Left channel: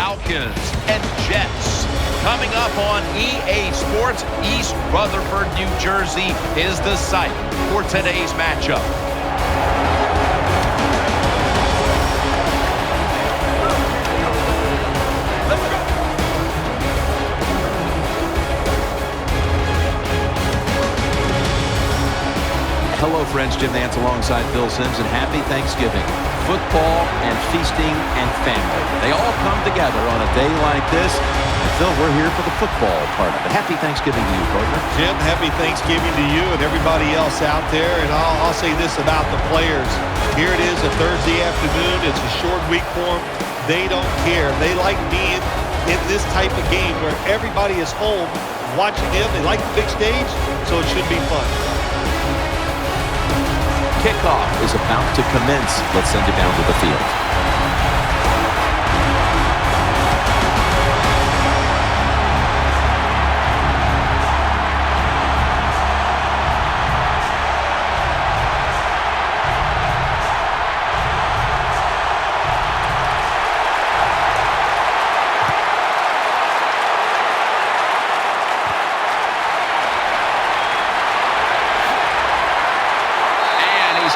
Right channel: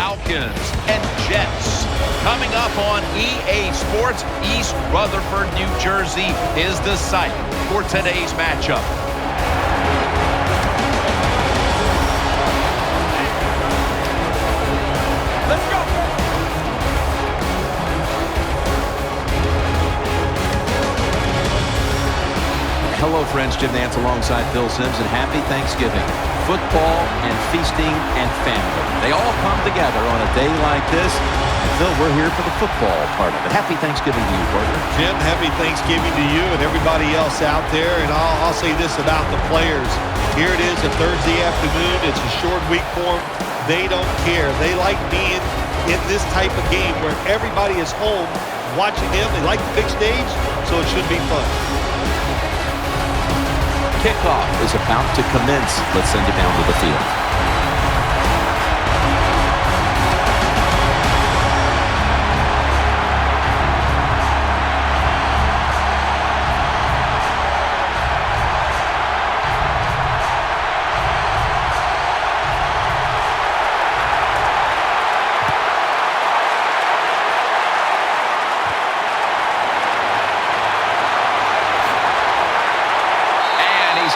Falcons and Jets. Coming up on EA Sports, East Rutherford, New Jersey is the site for today's matchup. Let's go. Hello, friends. Jim Nance alongside Phil Simms, and happy Thanksgiving. Football and feasting and family. They all come together on a day like this. And Phil, we're here for the football part of it. Happy Thanksgiving to you, partner. Jim, happy Thanksgiving to you and everybody else out there. And I'll say this about the players. Here it is, a Thursday afternoon. It's a short week for them. They don't care. They like being in this type of game where everybody is home watching them. They like the big stage, so it should be fun. Kickoff is about to commence. Let's send you down to the field.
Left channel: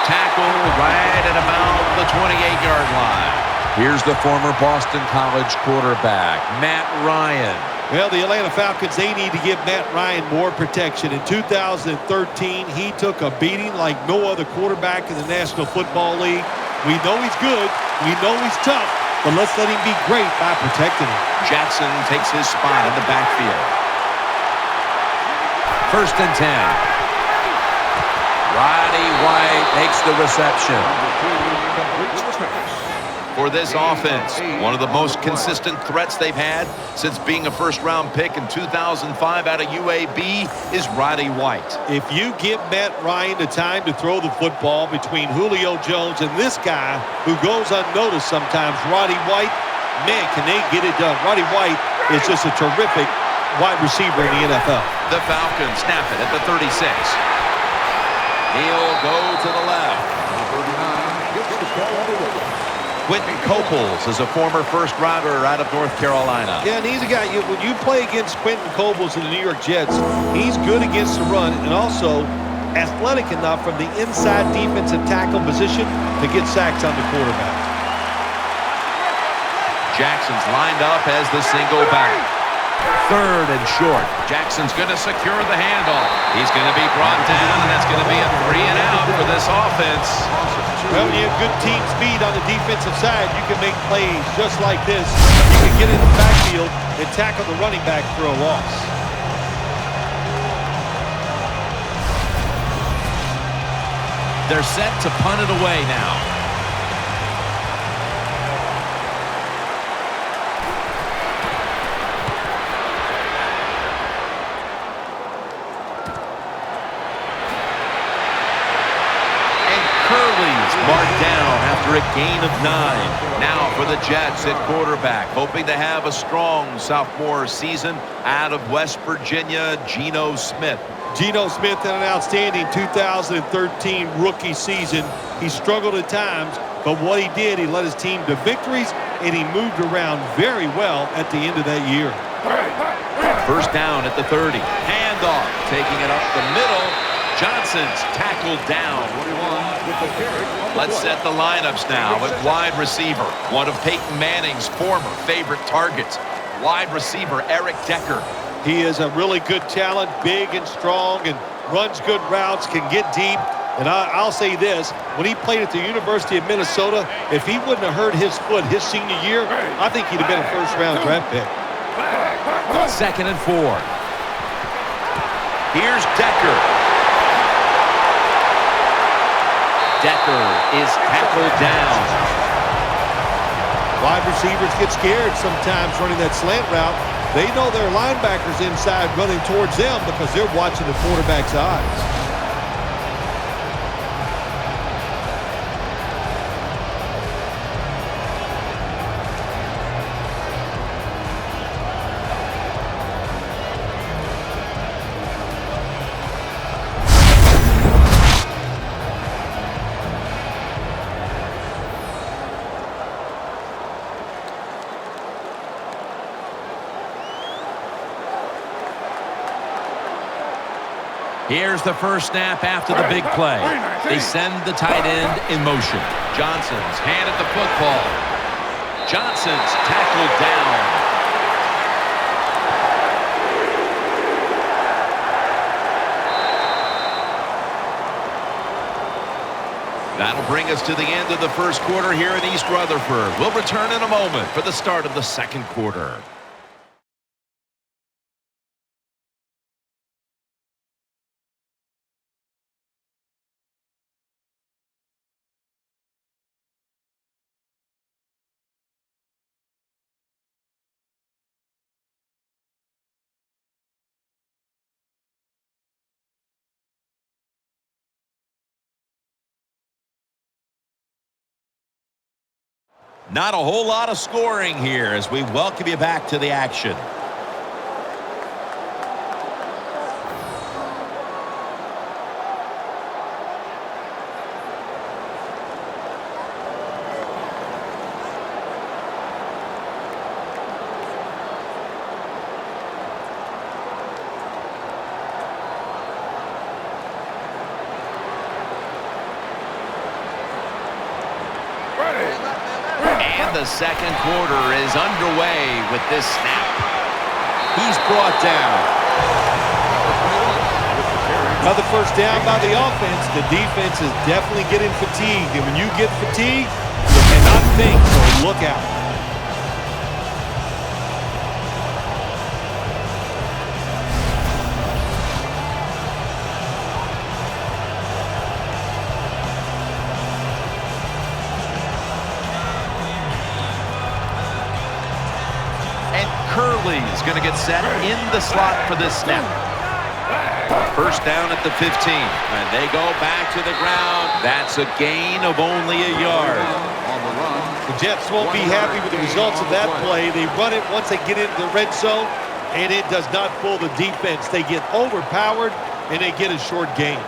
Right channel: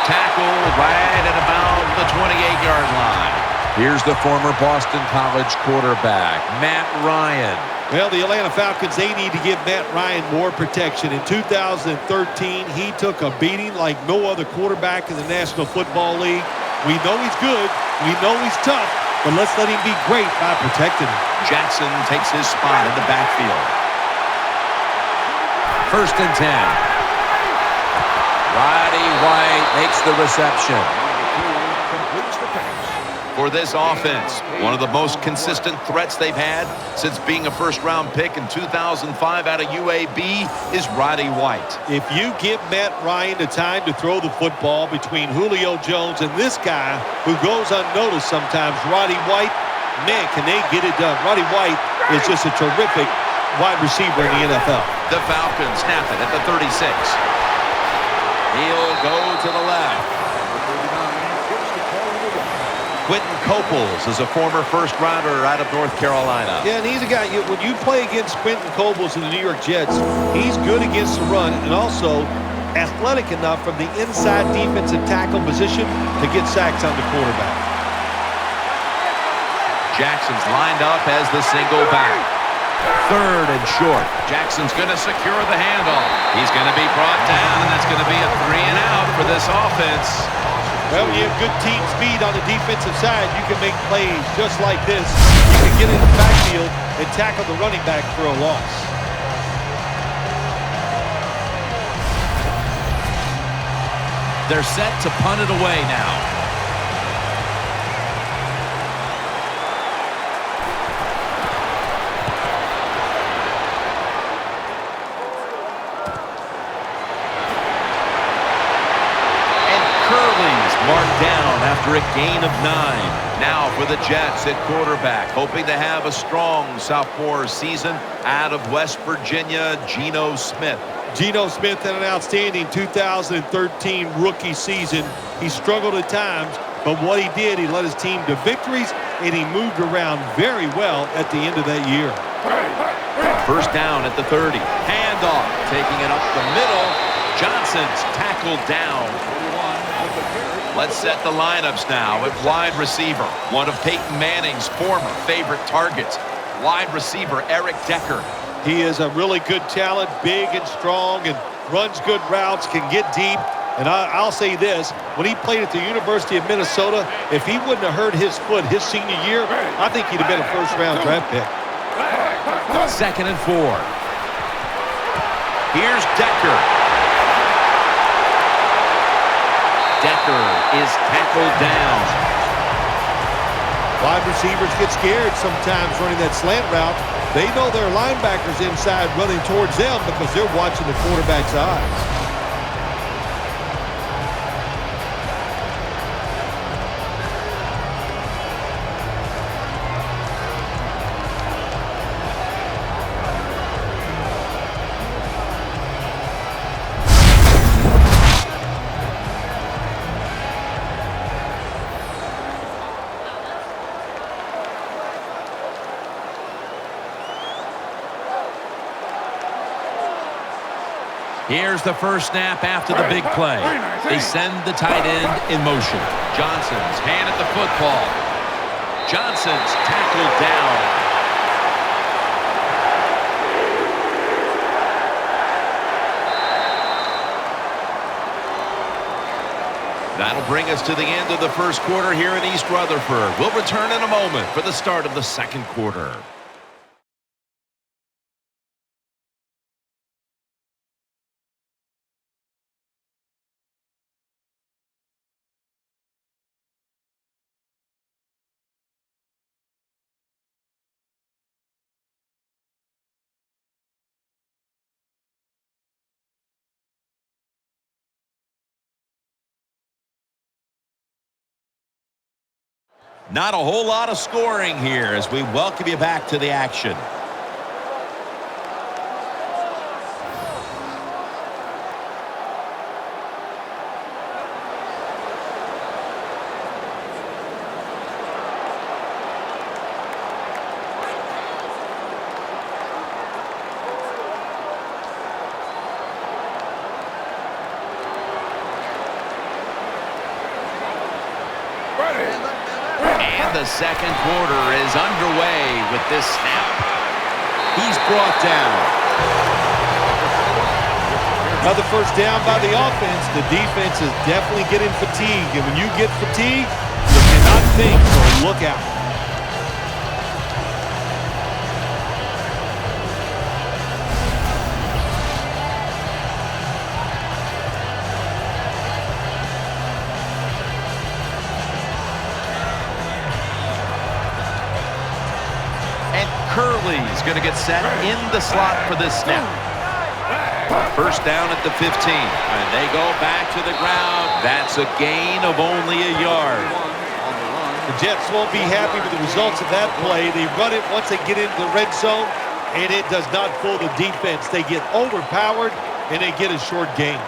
Tackled right at about the 28-yard line. Here's the former Boston College quarterback, Matt Ryan. Well, the Atlanta Falcons, they need to give Matt Ryan more protection. In 2013, he took a beating like no other quarterback in the National Football League. We know he's good. We know he's tough. But let's let him be great by protecting him. Jackson takes his spot in the backfield. 1st and 10. Roddy White makes the reception. For this offense, one of the most consistent threats they've had since being a first-round pick in 2005 out of UAB is Roddy White. If you give Matt Ryan the time to throw the football between Julio Jones and this guy who goes unnoticed sometimes, Roddy White, man, can they get it done. Roddy White is just a terrific wide receiver in the NFL. The Falcons snap it at the 36. He'll go to the left. Quentin Coples is a former first-rounder out of North Carolina. Yeah, and he's a guy, when you play against Quentin Coples in the New York Jets, he's good against the run and also athletic enough from the inside defensive tackle position to get sacks on the quarterback. Jackson's lined up as the single back. 3rd and short. Jackson's going to secure the handoff. He's going to be brought down, and that's going to be a 3-and-out for this offense. Well, when you have good team speed on the defensive side, you can make plays just like this. You can get in the backfield and tackle the running back for a loss. They're set to punt it away now. Curley's marked down after a gain of 9. Now for the Jets at quarterback, hoping to have a strong sophomore season out of West Virginia, Geno Smith. Geno Smith had an outstanding 2013 rookie season. He struggled at times, but what he did, he led his team to victories, and he moved around very well at the end of that year. 1st down at the 30. Handoff, taking it up the middle. Johnson's tackled down. Let's set the lineups now at wide receiver. One of Peyton Manning's former favorite targets, wide receiver Eric Decker. He is a really good talent, big and strong, and runs good routes, can get deep. And I'll say this, when he played at the University of Minnesota, if he wouldn't have hurt his foot his senior year, I think he'd have been a first-round draft pick. 2nd and 4. Here's Decker. Decker is tackled down. Wide receivers get scared sometimes running that slant route. They know their linebackers inside running towards them because they're watching the quarterback's eyes. Here's the first snap after the big play. They send the tight end in motion. Johnson's hand at the football. Johnson's tackled down. That'll bring us to the end of the first quarter here in East Rutherford. We'll return in a moment for the start of the second quarter. Not a whole lot of scoring here as we welcome you back to the action. And the second quarter is underway with this snap. He's brought down. Another first down by the offense. The defense is definitely getting fatigued. And when you get fatigued, you cannot think, so look out. Curley's going to get set in the slot for this snap. First down at the 15. And they go back to the ground. That's a gain of only a yard. The Jets won't be happy with the results of that play. They run it once they get into the red zone, and it does not fool the defense. They get overpowered, and they get a short gain.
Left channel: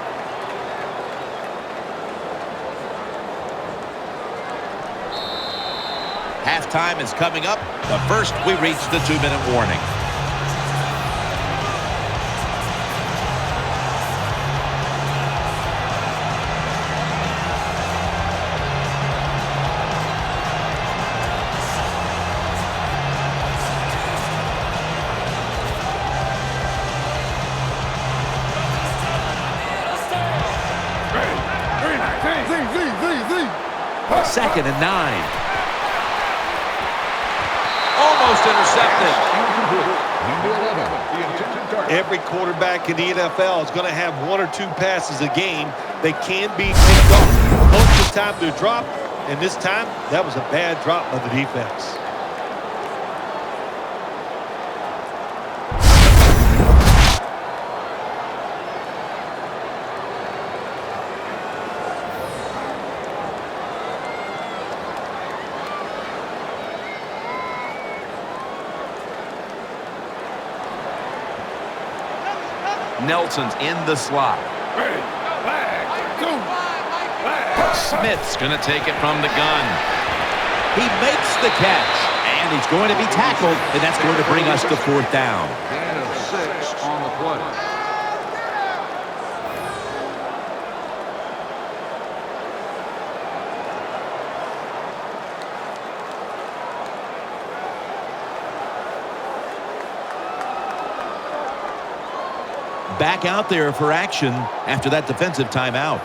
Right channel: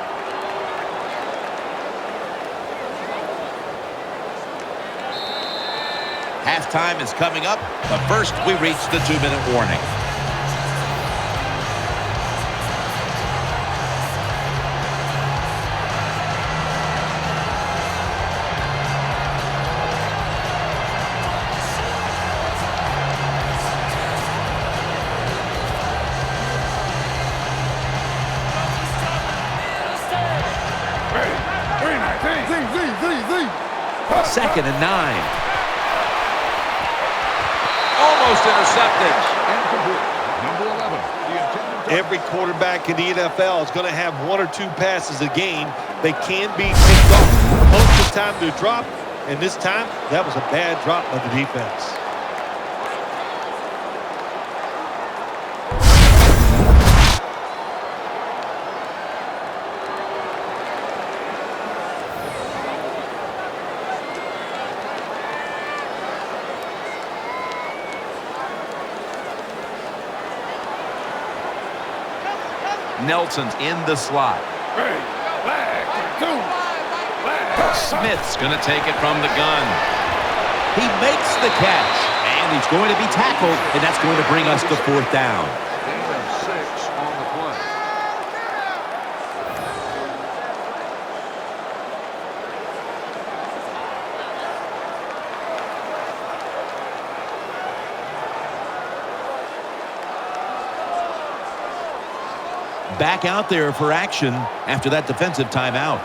Halftime is coming up, but first we reach the 2-minute warning. Second and 9. Almost intercepted. Every quarterback in the NFL is going to have 1 or 2 passes a game. They can be picked off. Most of the time they're dropped, and this time that was a bad drop by the defense. Nelson's in the slot. Smith's going to take it from the gun. He makes the catch, and he's going to be tackled, and that's going to bring us to fourth down. Gain of 6 on the play. Back out there for action after that defensive timeout.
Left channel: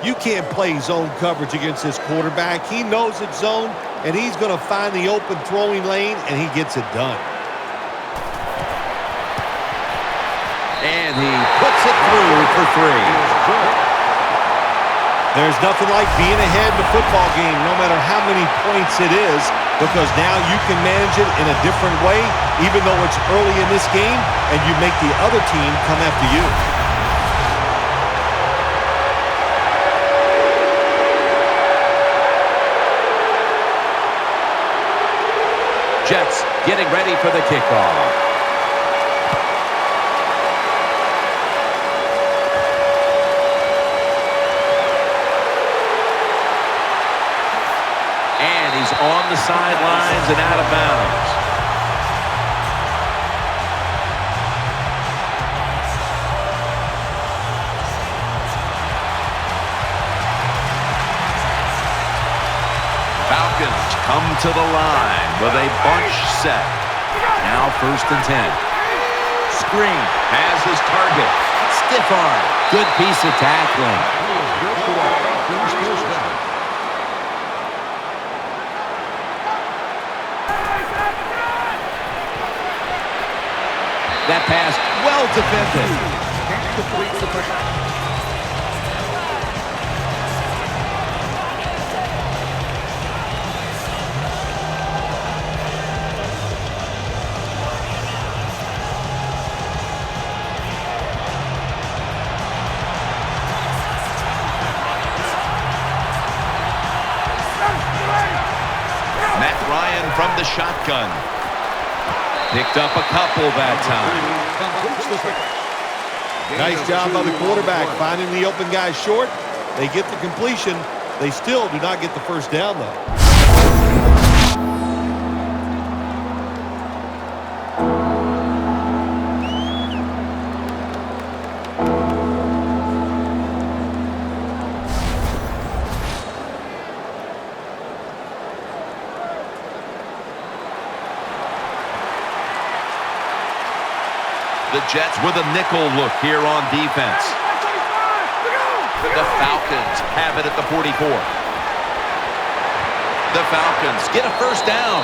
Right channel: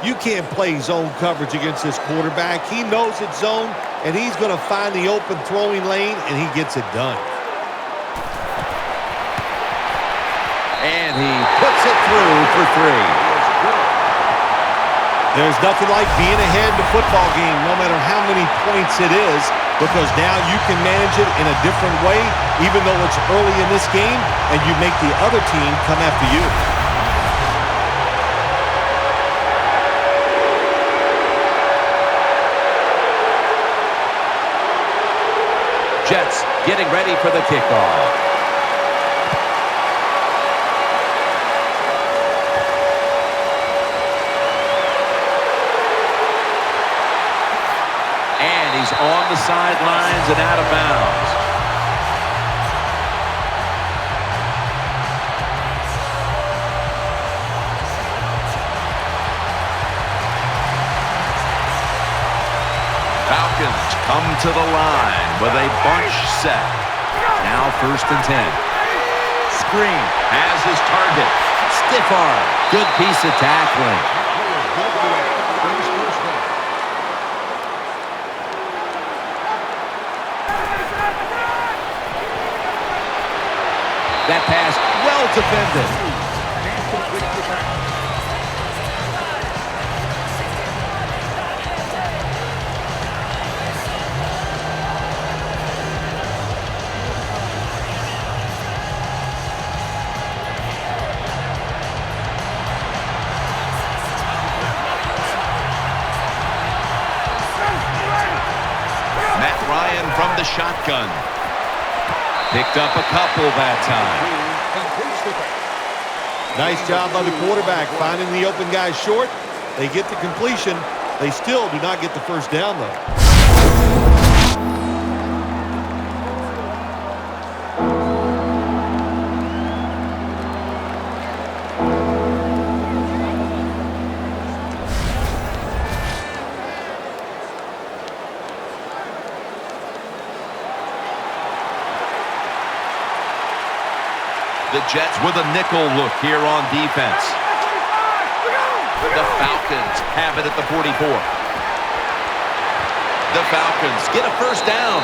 You can't play zone coverage against this quarterback. He knows it's zone, and he's going to find the open throwing lane, and he gets it done. And he puts it through for 3. There's nothing like being ahead in the football game, no matter how many points it is, because now you can manage it in a different way, even though it's early in this game, and you make the other team come after you. Jets getting ready for the kickoff. And he's on the sidelines and out of bounds. Falcons come to the line with a bunch set. Now 1st and 10. Screen has his target. Stiff arm. Good piece of tackling. That pass well defended. Matt Ryan from the shotgun. Picked up a couple that time. Nice job by the quarterback finding the open guy short. They get the completion. They still do not get the first down, though. The Jets with a nickel look here on defense. The Falcons have it at the 44. The Falcons get a first down.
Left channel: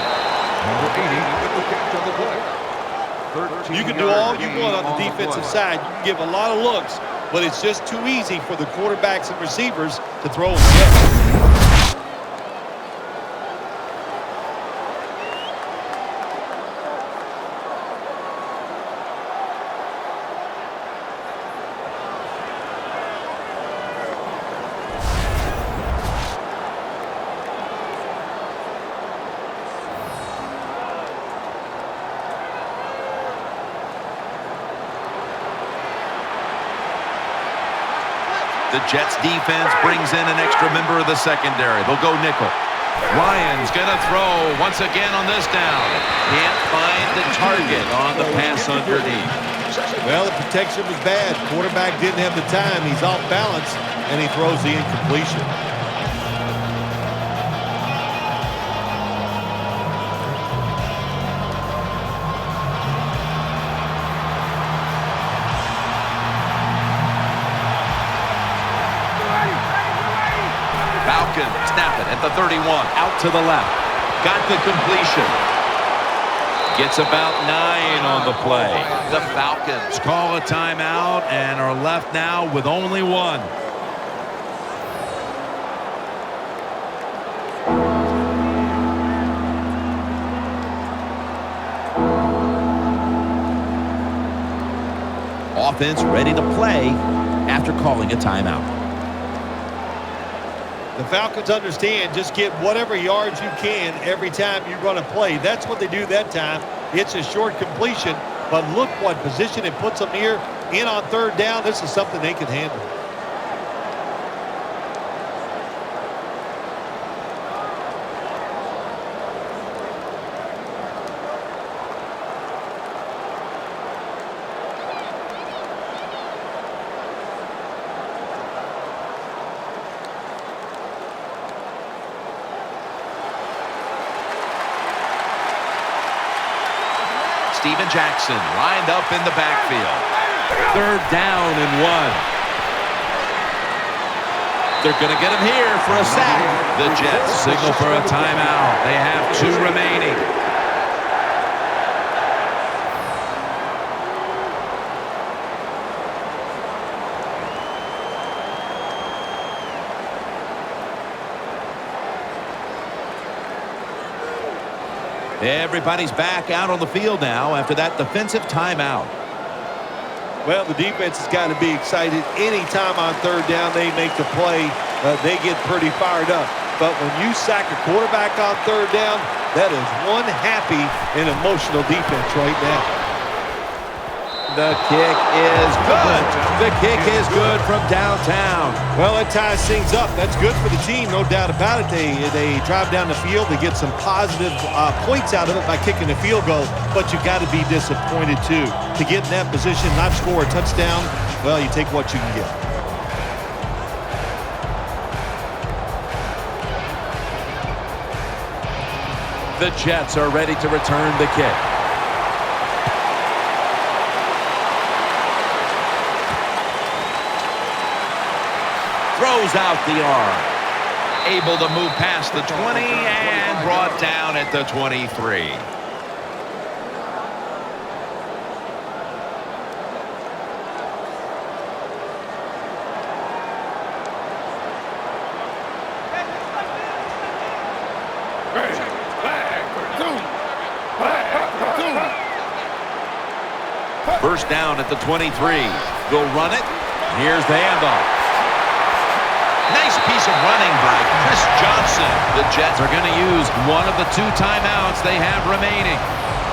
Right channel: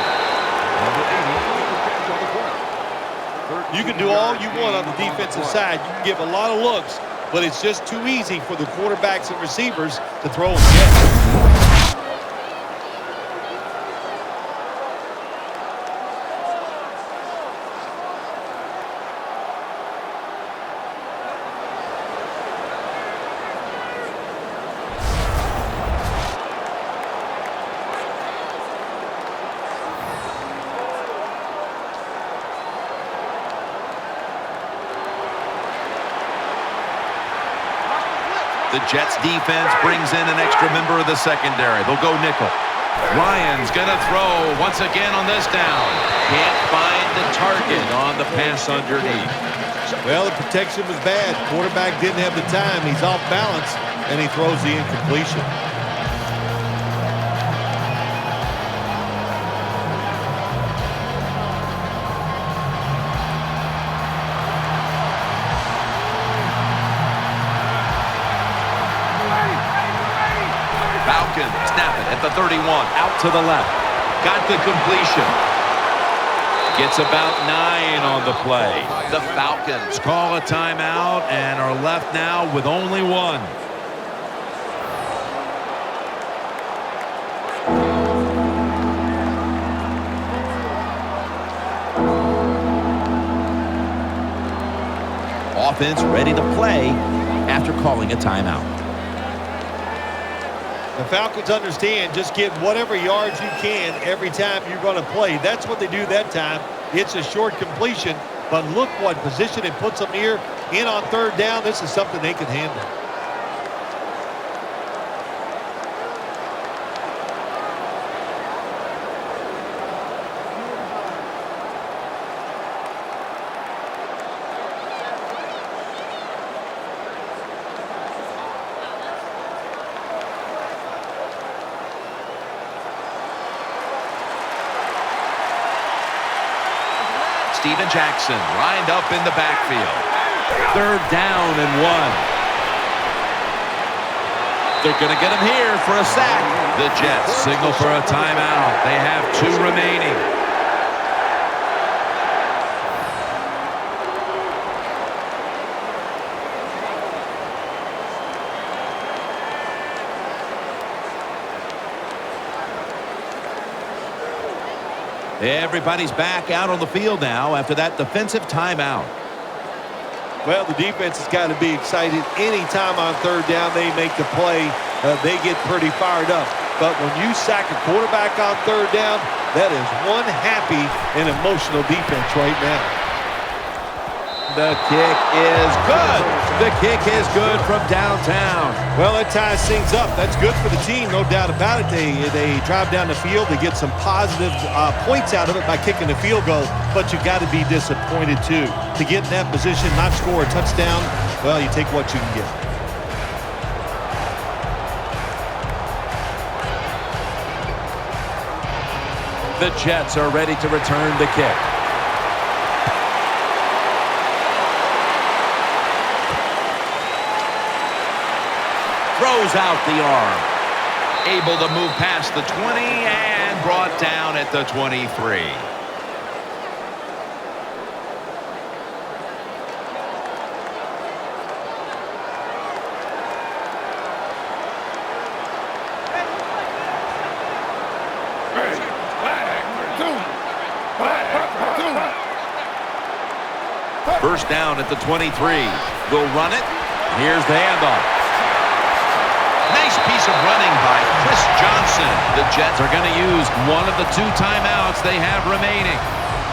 You can do all you want on the defensive side. You can give a lot of looks, but it's just too easy for the quarterbacks and receivers to throw and get. The Jets defense brings in an extra member of the secondary. They'll go nickel. Ryan's going to throw once again on this down. Can't find the target on the pass underneath. Well, the protection was bad. Quarterback didn't have the time. He's off balance, and he throws the incompletion. Falcons snap it at the 31. Out to the left. Got the completion. Gets about 9 on the play. The Falcons call a timeout and are left now with only 1. Offense ready to play after calling a timeout. The Falcons understand just get whatever yards you can every time you run a play. That's what they do that time. It's a short completion, but look what position it puts them here in on 3rd down. This is something they can handle. Steven Jackson lined up in the backfield. 3rd down and 1. They're going to get him here for a sack. The Jets signal for a timeout. They have 2 remaining. Everybody's back out on the field now after that defensive timeout. Well, the defense has got to be excited. Anytime on 3rd down they make the play, they get pretty fired up. But when you sack a quarterback on 3rd down, that is one happy and emotional defense right now. The kick is good. The kick is good from downtown. Well, that ties things up. That's good for the team, no doubt about it. They drive down the field. They get some positive points out of it by kicking the field goal, but you got to be disappointed, too. To get in that position, not score a touchdown, well, you take what you can get. The Jets are ready to return the kick. Throws out the arm. Able to move past the 20 and brought down at the 23. First down at the 23. They'll run it. Here's the handoff. Nice piece of running by Chris Johnson. The Jets are going to use one of the 2 timeouts they have remaining.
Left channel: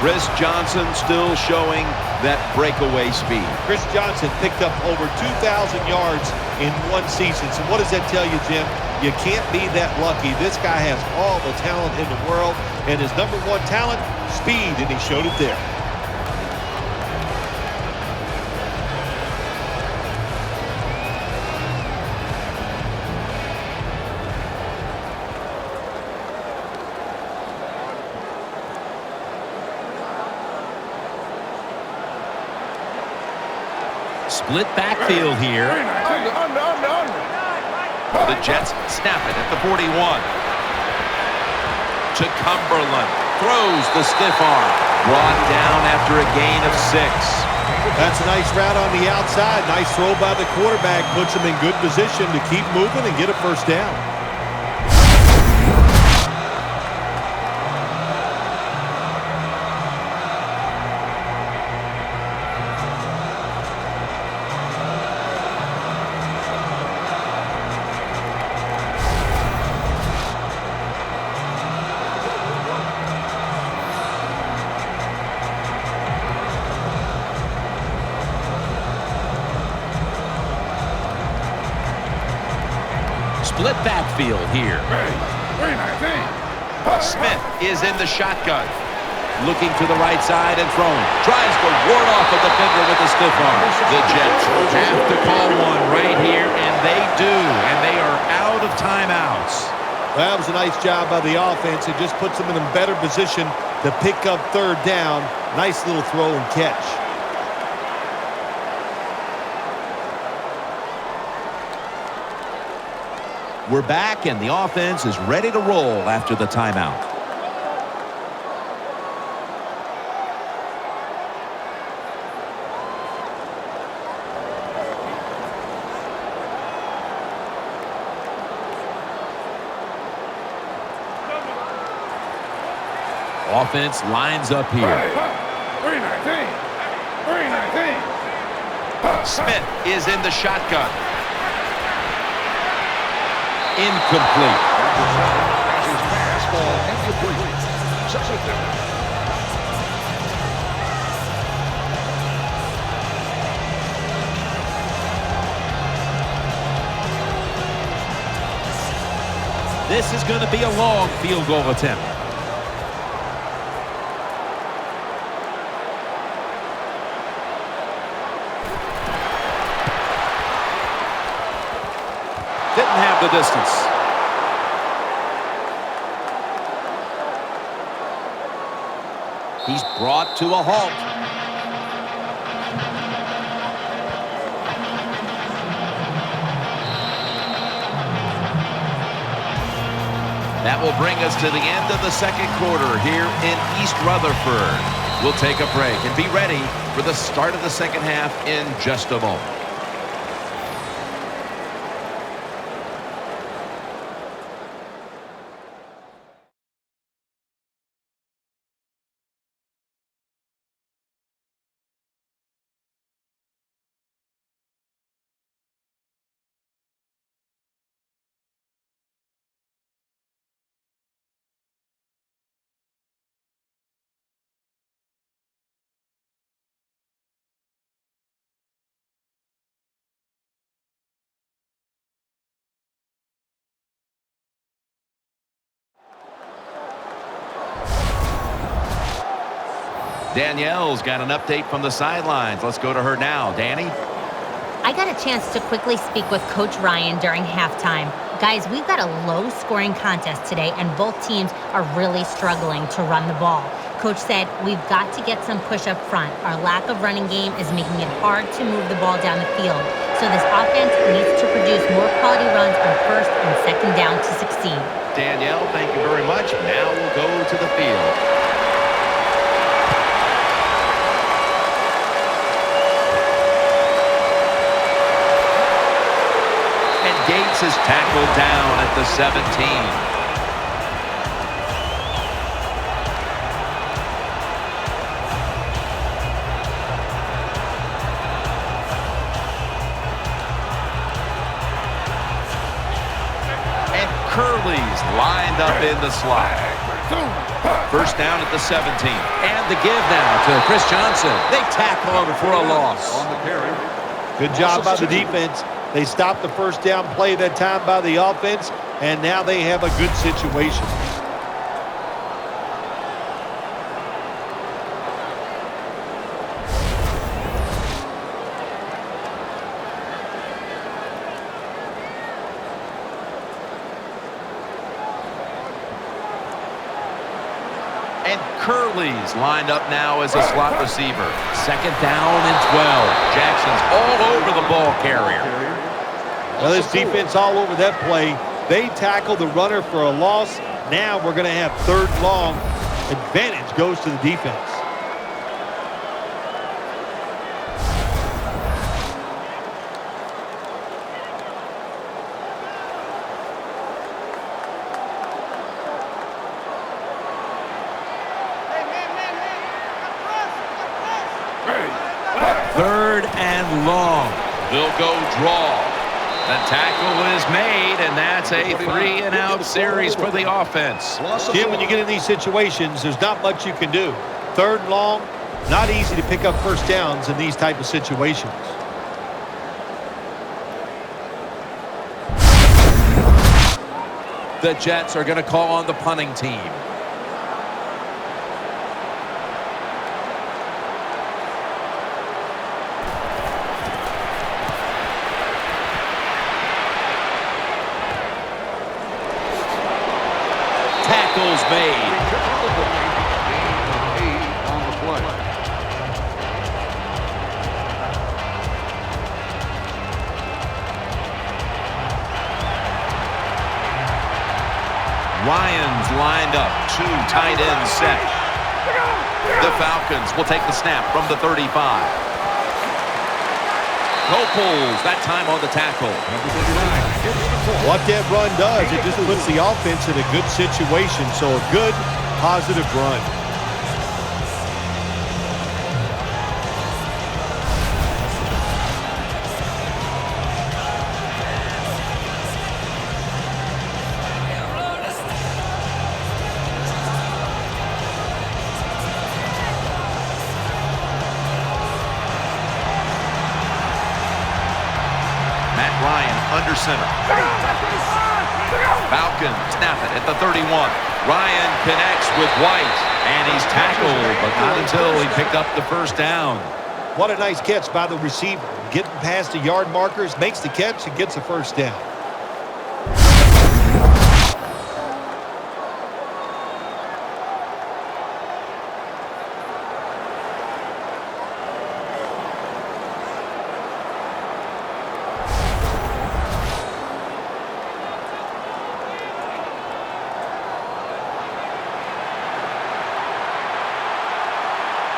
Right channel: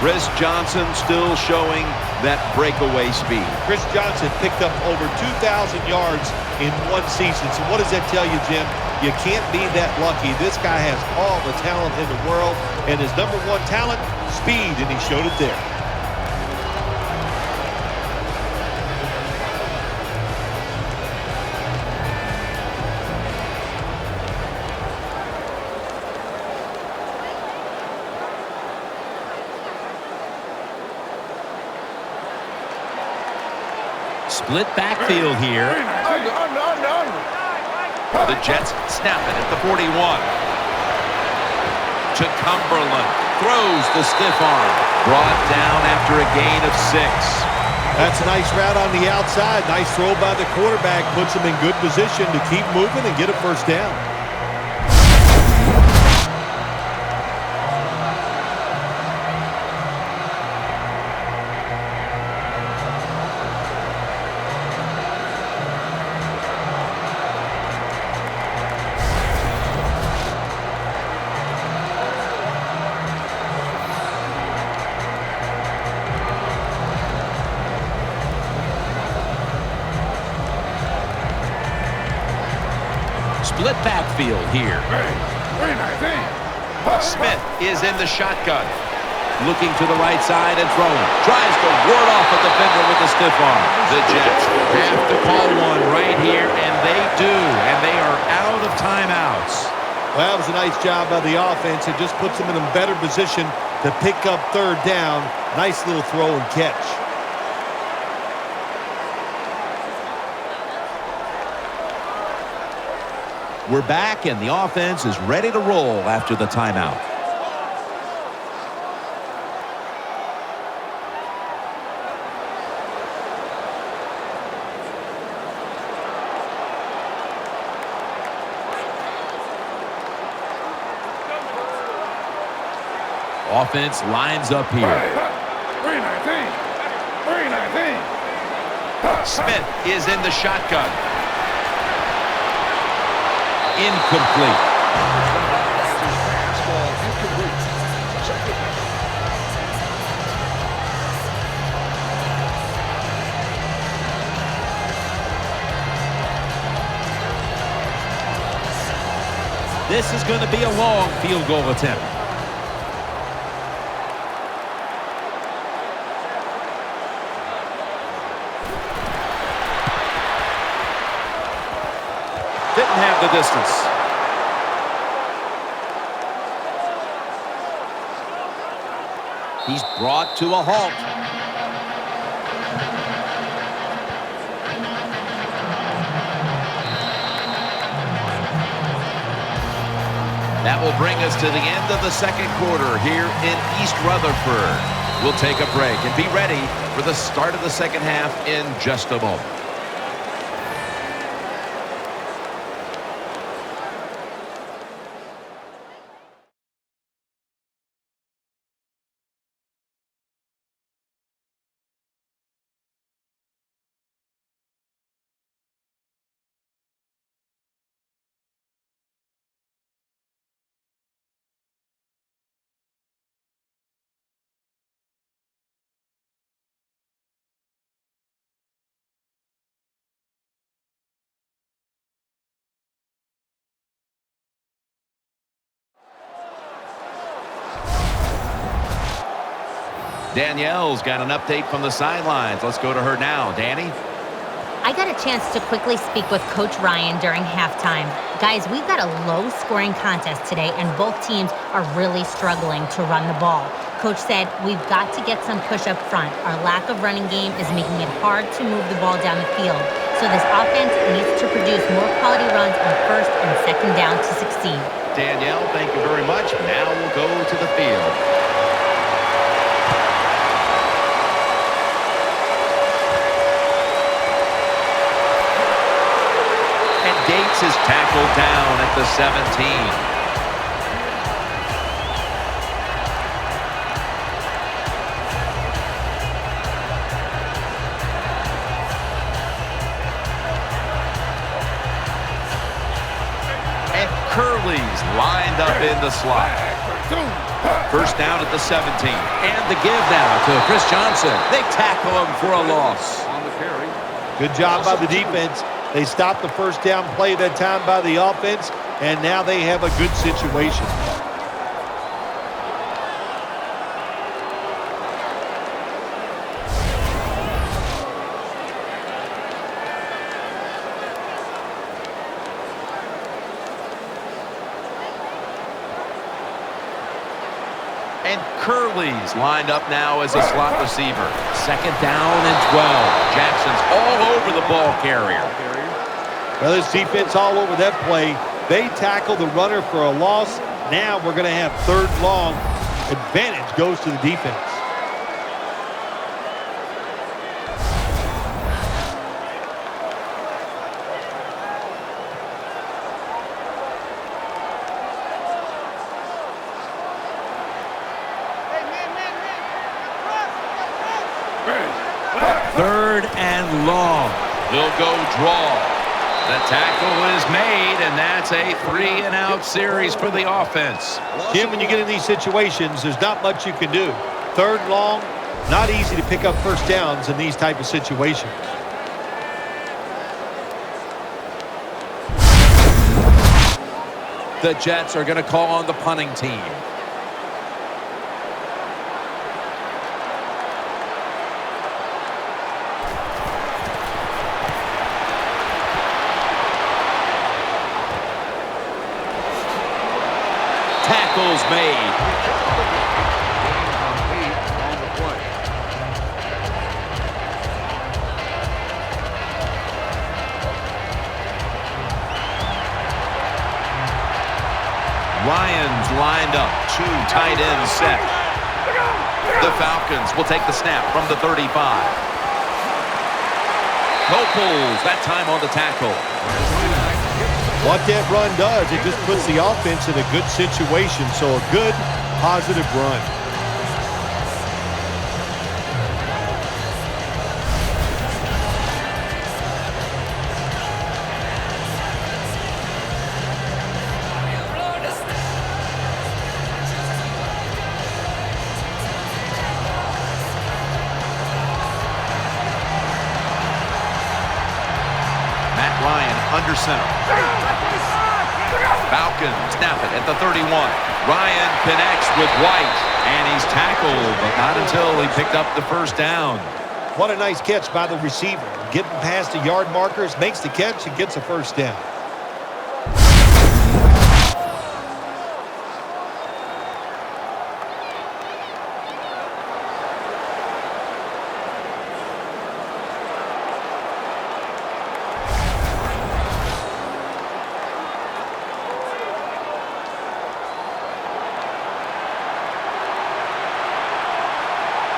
Chris Johnson still showing that breakaway speed. Chris Johnson picked up over 2,000 yards in one season. So what does that tell you, Jim? You can't be that lucky. This guy has all the talent in the world, and his number 1 talent, speed, and he showed it there. Split backfield here. The Jets snap it at the 41. To Cumberland. Throws the stiff arm. Brought down after a gain of 6. That's a nice route on the outside. Nice throw by the quarterback. Puts him in good position to keep moving and get a first down. Split backfield here. Smith is in the shotgun. Looking to the right side and throwing. Tries to ward off a defender with a stiff arm. The Jets have to call one right here, and they do. And they are out of timeouts. Well, that was a nice job by the offense. It just puts them in a better position to pick up third down. Nice little throw and catch. We're back, and the offense is ready to roll after the timeout. Offense lines up here. 319. Smith is in the shotgun. Incomplete. This is going to be a long field goal attempt. Didn't have the distance. He's brought to a halt. That will bring us to the end of the second quarter here in East Rutherford. We'll take a break and be ready for the start of the second half in just a moment. Danielle's got an update from the sidelines. Let's go to her now. Danny? I got a chance to quickly speak with Coach Ryan during halftime. Guys, we've got a low-scoring contest today, and both teams are really struggling to run the ball. Coach said, we've got to get some push up front. Our lack of running game is making it hard to move the ball down the field. So this offense needs to produce more quality runs on first and second down to succeed. Danielle, thank you very much. Now we'll go to the field. And Gates is tackled down at the 17. And Curley's lined up in the slot. First down at the 17. And the give now to Chris Johnson. They tackle him for a loss. On the carry. Good job by the defense. They stopped the first down play that time by the offense, and now they have a good situation. And Curley's lined up now as a slot receiver. Second down and 12. Jackson's all over the ball carrier. Well, this defense all over that play. They tackle the runner for a loss. Now we're going to have third long. Advantage goes to the defense. Third and long. They'll go draw. The tackle is made, and that's a 3-and-out series for the offense. Jim, when you get in these situations, there's not much you can do. Third and long, not easy to pick up first downs in these type of situations. The Jets are going to call on the punting team. Tackles made. 8 on the play. Ryan's lined up. 2 tight ends set. The Falcons will take the snap from the 35. Coples, that time on the tackle. What that run does, it just puts the offense in a good situation. So a good, positive run. Matt Ryan under center. Falcons snap it at the 31. Ryan connects with White, and he's tackled, but not until he picked up the first down. What a nice catch by the receiver. Getting past the yard markers, makes the catch, and gets a first down.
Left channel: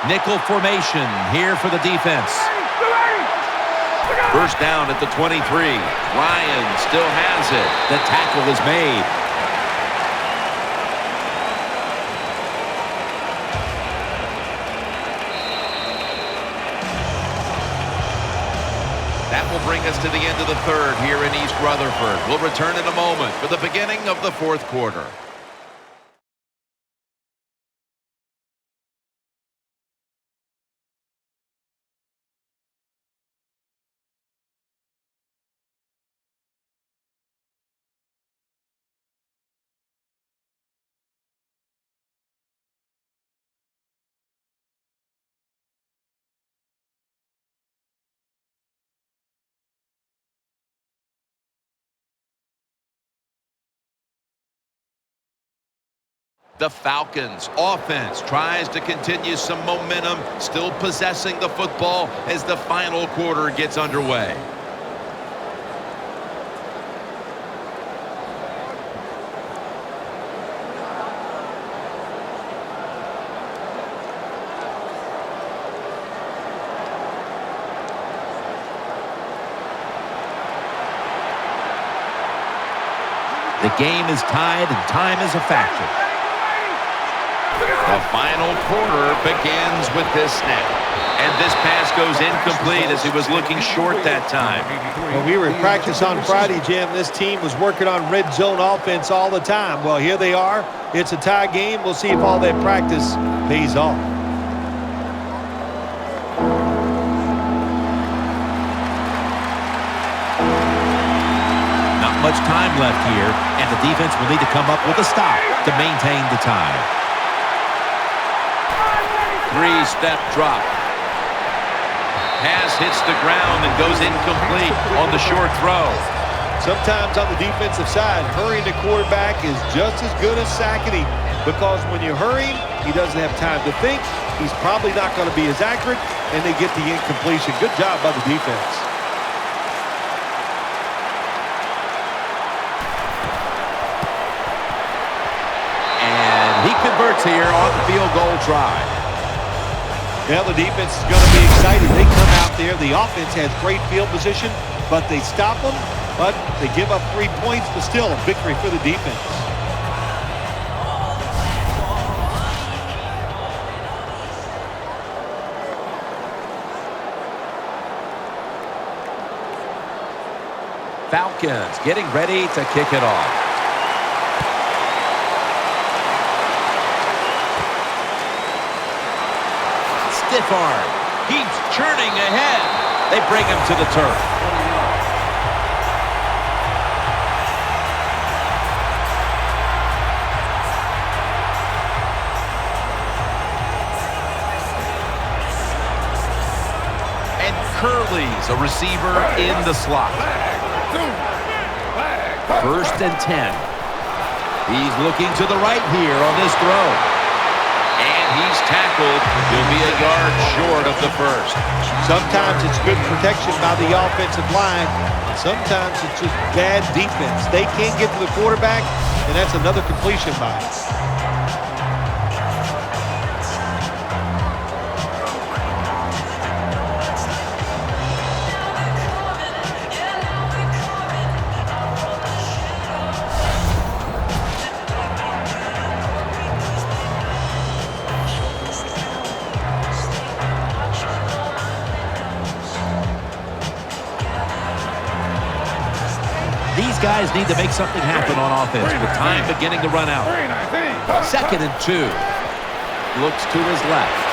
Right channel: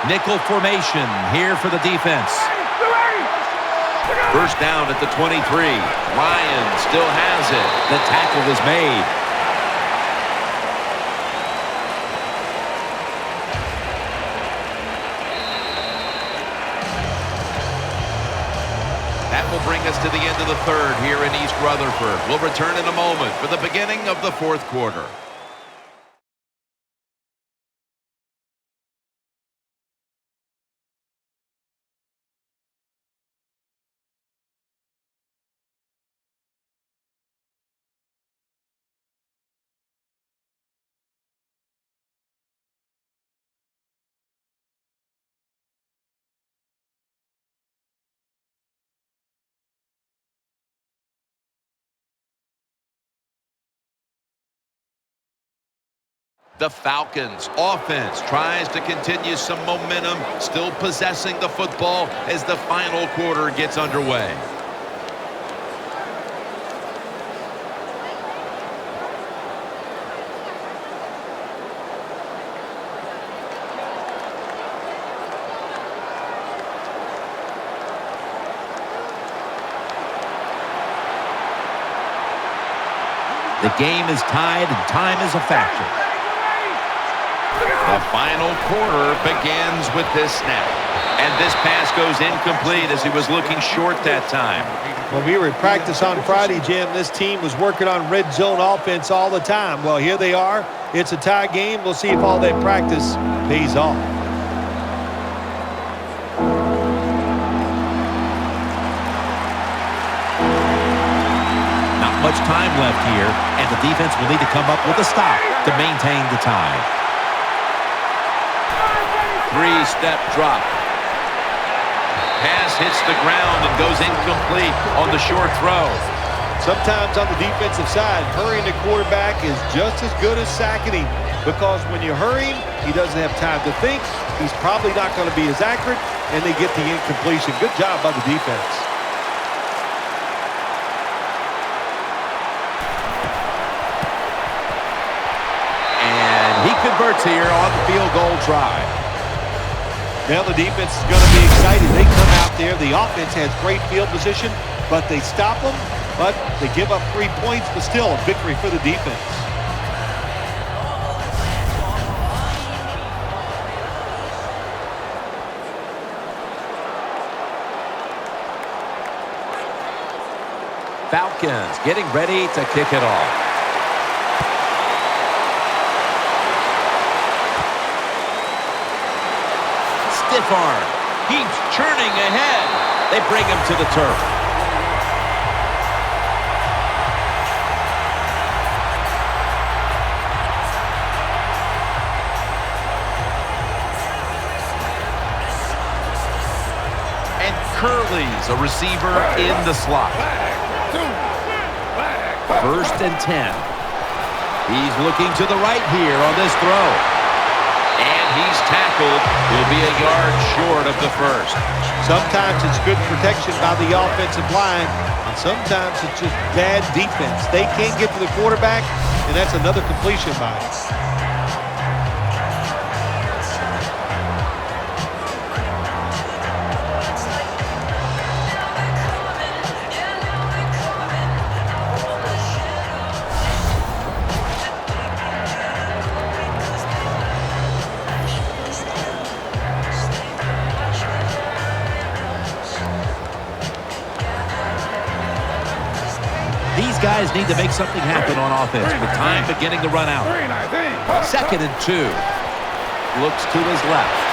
Nickel formation here for the defense. First down at the 23. Ryan still has it. The tackle is made. That will bring us to the end of the third here in East Rutherford. We'll return in a moment for the beginning of the fourth quarter. The Falcons offense tries to continue some momentum, still possessing the football as the final quarter gets underway. The game is tied and time is a factor. The final quarter begins with this snap. And this pass goes incomplete as he was looking short that time. Well, we were in practice on Friday, Jim. This team was working on red zone offense all the time. Well, here they are. It's a tie game. We'll see if all that practice pays off. Not much time left here, and the defense will need to come up with a stop to maintain the tie. Three-step drop. Pass hits the ground and goes incomplete on the short throw. Sometimes on the defensive side, hurrying the quarterback is just as good as sacking him, because when you hurry him, he doesn't have time to think. He's probably not going to be as accurate, and they get the incompletion. Good job by the defense. And he converts here on the field goal try. Now the defense is going to be excited. They come out there. The offense has great field position, but they stop them. But they give up 3 points, but still a victory for the defense. Falcons getting ready to kick it off. Stiff arm. Keeps churning ahead. They bring him to the turf. And Curley's a receiver in the slot. First and 10. He's looking to the right here on this throw. And he's tackled. He'll be a yard short of the first. Sometimes it's good protection by the offensive line, and sometimes it's just bad defense. They can't get to the quarterback, and that's another completion by him. These guys need to make something happen on offense with time beginning to run out. Second and 2. Looks to his left.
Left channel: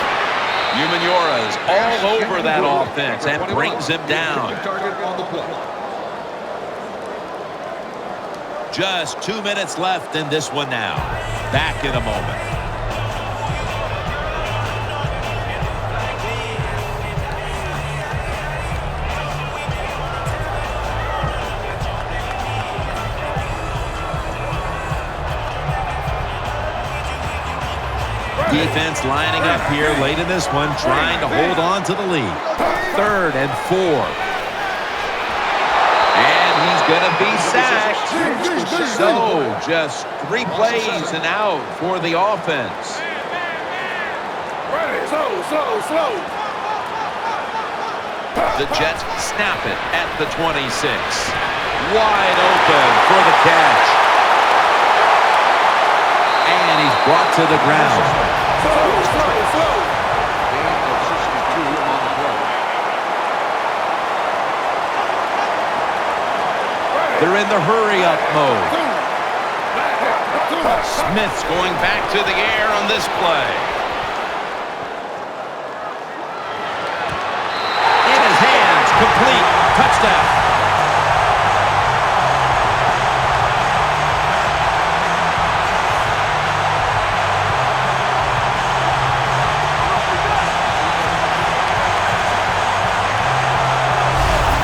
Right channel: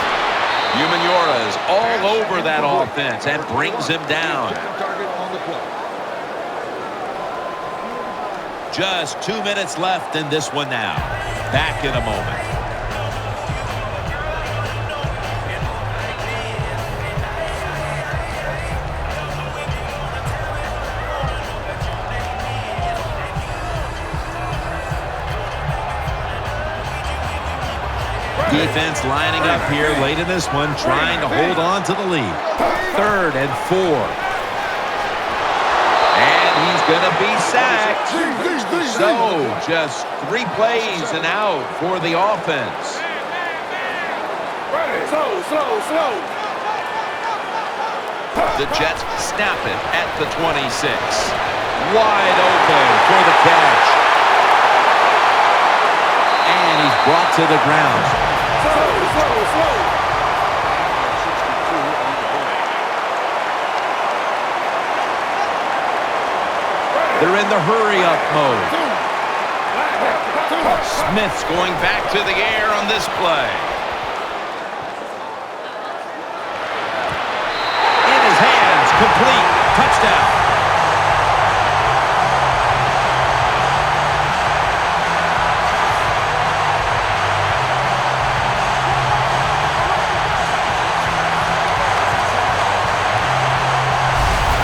Humaniura's all over that offense and brings him down. Just 2 minutes left in this one now. Back in a moment. Defense lining up here late in this one, trying to hold on to the lead. Third and 4. And he's going to be sacked. So just 3 plays and out for the offense. Ready. Slow. The Jets snap it at the 26. Wide open for the catch. And he's brought to the ground. Slow. They're in the hurry-up mode. Smith's going back to the air on this play. In his hands, complete, touchdown.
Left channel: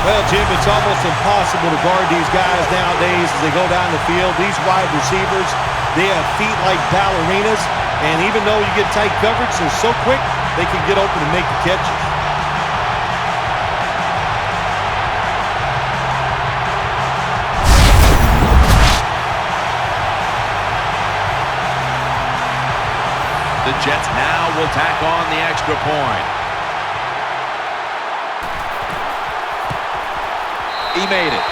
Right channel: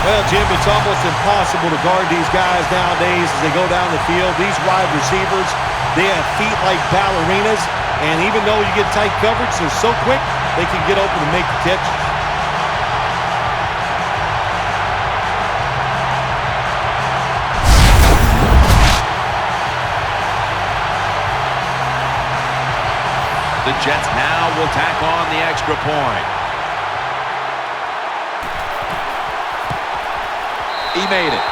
Well, Jim, it's almost impossible to guard these guys nowadays as they go down the field. These wide receivers They have feet like ballerinas, and even though you get tight coverage, they're so quick, they can get open and make the catches. The Jets now will tack on the extra point. He made it.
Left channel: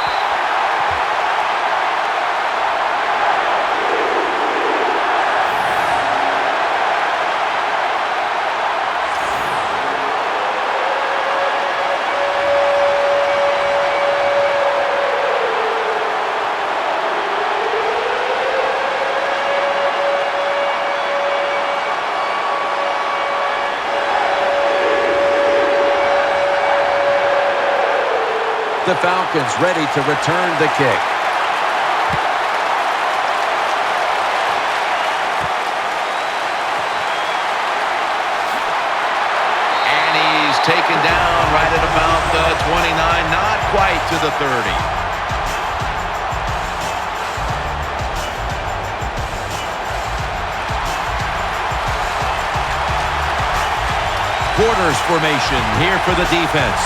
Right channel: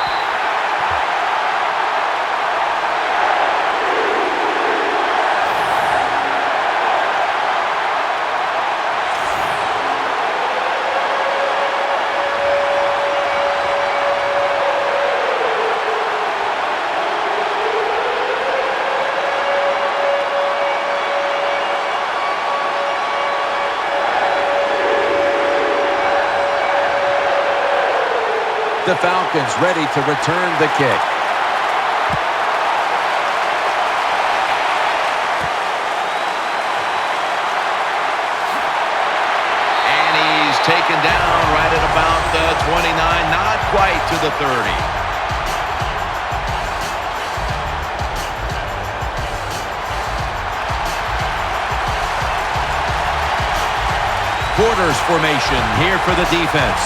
The Falcons ready to return the kick. And he's taken down right at about the 29, not quite to the 30. Quarters formation here for the defense.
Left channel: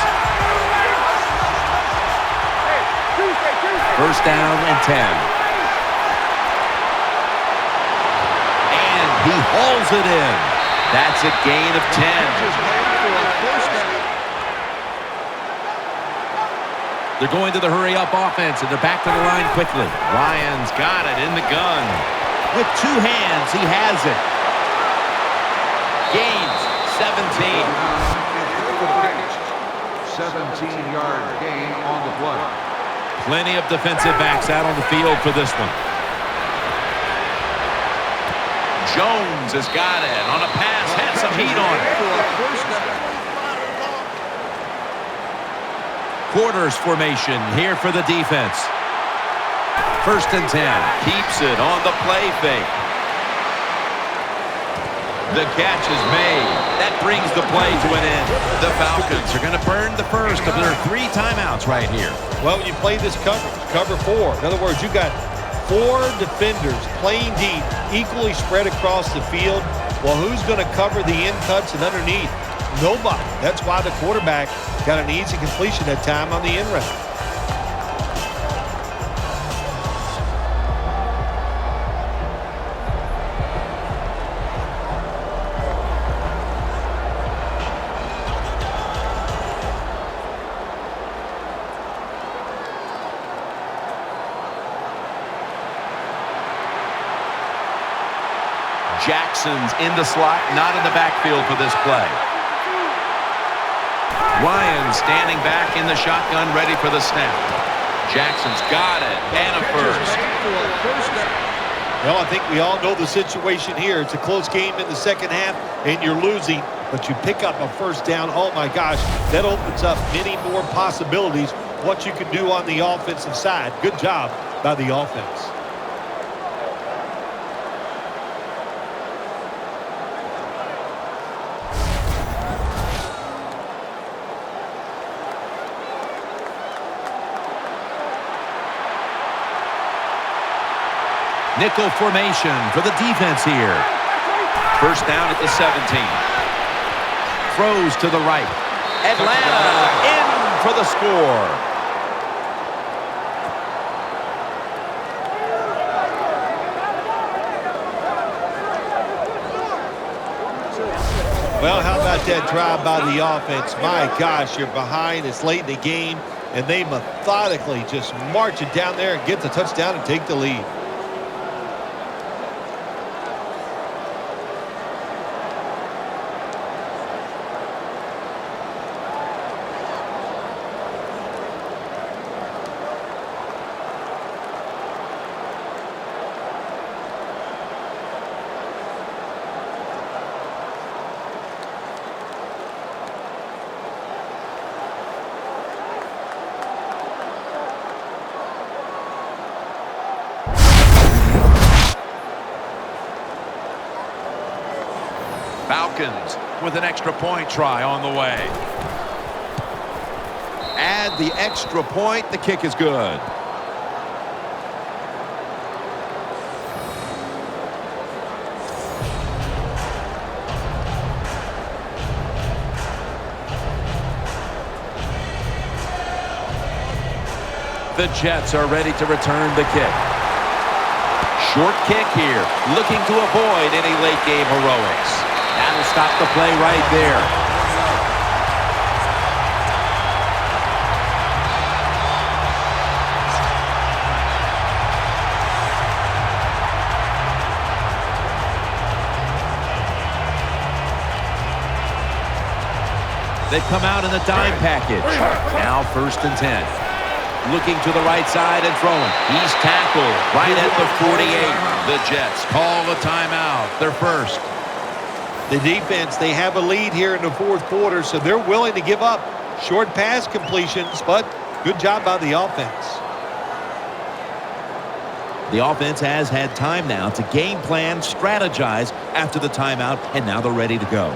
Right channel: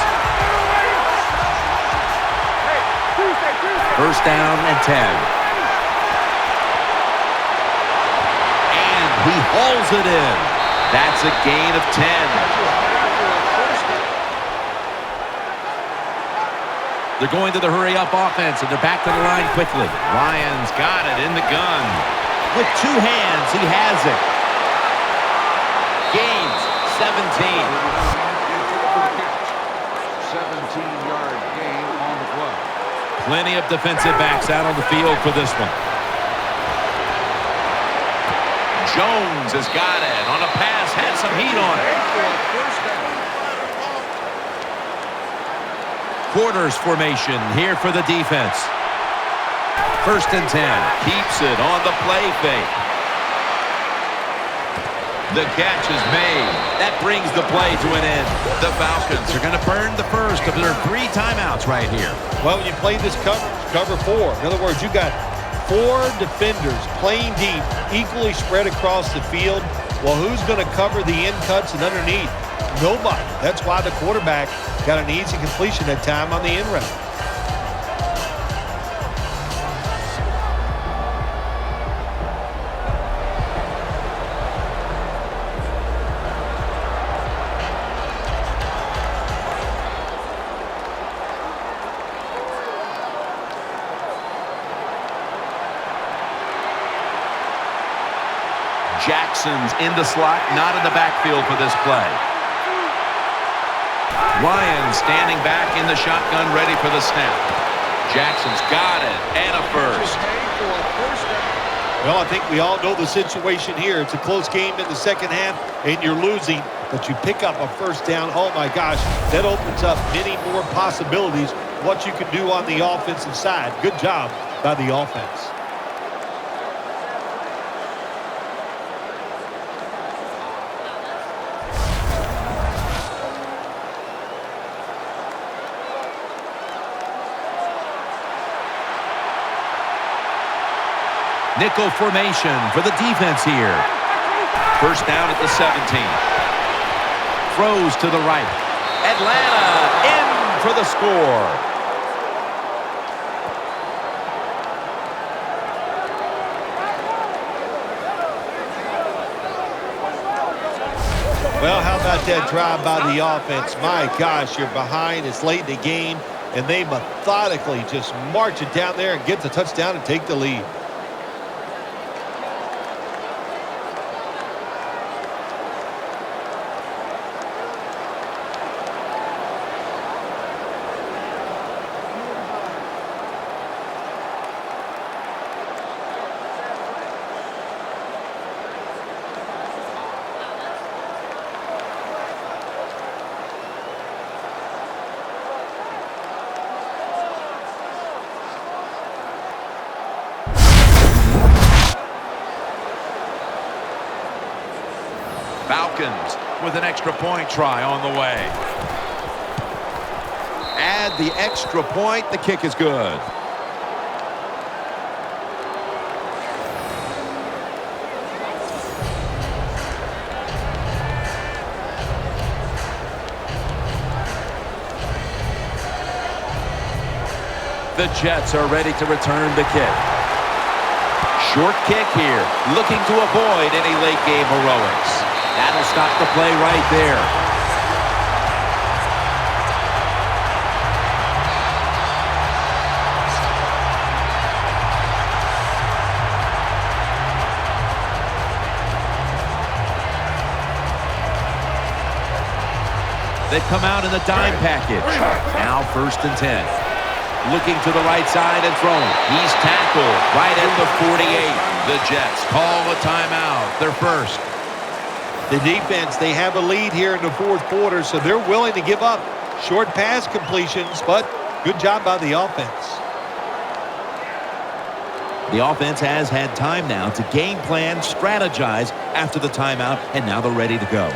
First down and 10. And he hauls it in. That's a gain of 10. They're going to the hurry-up offense, and they're back to the line quickly. Ryan's got it in the gun. With two hands, he has it. Gains 17. 17-yard gain on the play. Plenty of defensive backs out on the field for this one. Jones has got it on a pass, had some heat on it. Quarters formation here for the defense. First and 10. Keeps it on the play fake. The catch is made. That brings the play to an end. The Falcons are going to burn the first of their 3 timeouts right here. Well, when you play this coverage, cover 4. In other words, you got 4 defenders playing deep, equally spread across the field. Well, who's going to cover the in cuts and underneath? Nobody. That's why the quarterback got an easy completion that time on the in route. Jackson's in the slot, not in the backfield for this play. Ryan standing back in the shotgun, ready for the snap. Jackson's got it, and a first. Well, I think we all know the situation here. It's a close game in the second half, and you're losing, but you pick up a first down. Oh, my gosh, that opens up many more possibilities, what you can do on the offensive side. Good job by the offense. Nickel formation for the defense here. First down at the 17. Throws to the right. Atlanta in for the score. Well, how about that drive by the offense? My gosh, you're behind. It's late in the game, and they methodically just march it down there and get the touchdown and take the lead. Falcons with an extra point try on the way. Add the extra point. The kick is good. The Jets are ready to return the kick. Short kick here, looking to avoid any late game heroics. That'll stop the play right there. They've come out in the dime package. Now 1st and 10. Looking to the right side and throwing. He's tackled right at the 48. The Jets call a timeout. Their first. The defense, they have a lead here in the 4th quarter, so they're willing to give up short pass completions, but good job by the offense. The offense has had time now to game plan, strategize after the timeout, and now they're ready to go.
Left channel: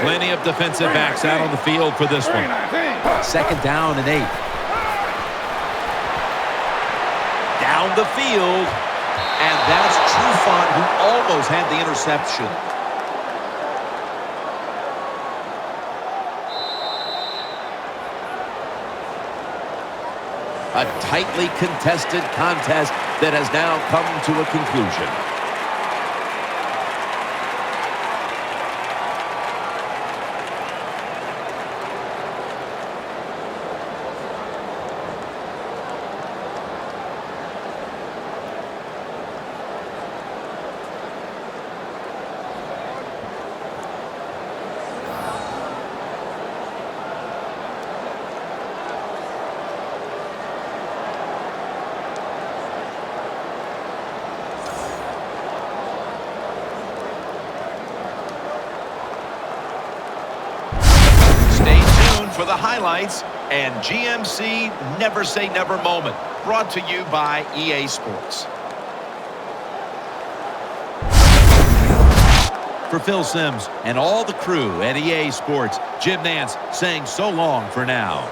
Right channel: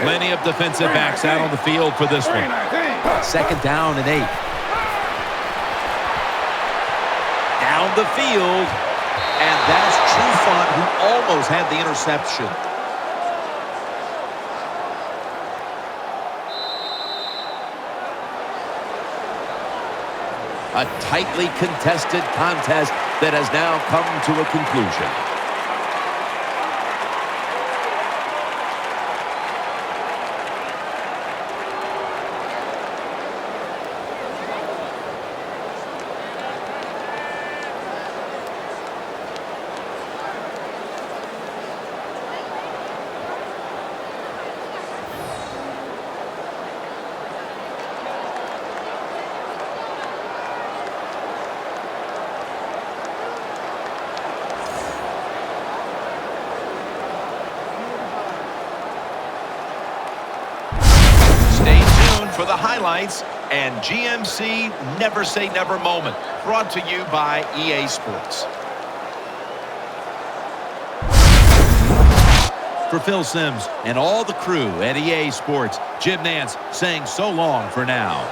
Plenty of defensive backs out on the field for this one. 2nd down and 8. Down the field. And that's Trufant, who almost had the interception. A tightly contested contest that has now come to a conclusion. For the highlights and GMC Never Say Never moment, brought to you by EA Sports. For Phil Simms and all the crew at EA Sports, Jim Nantz saying so long for now.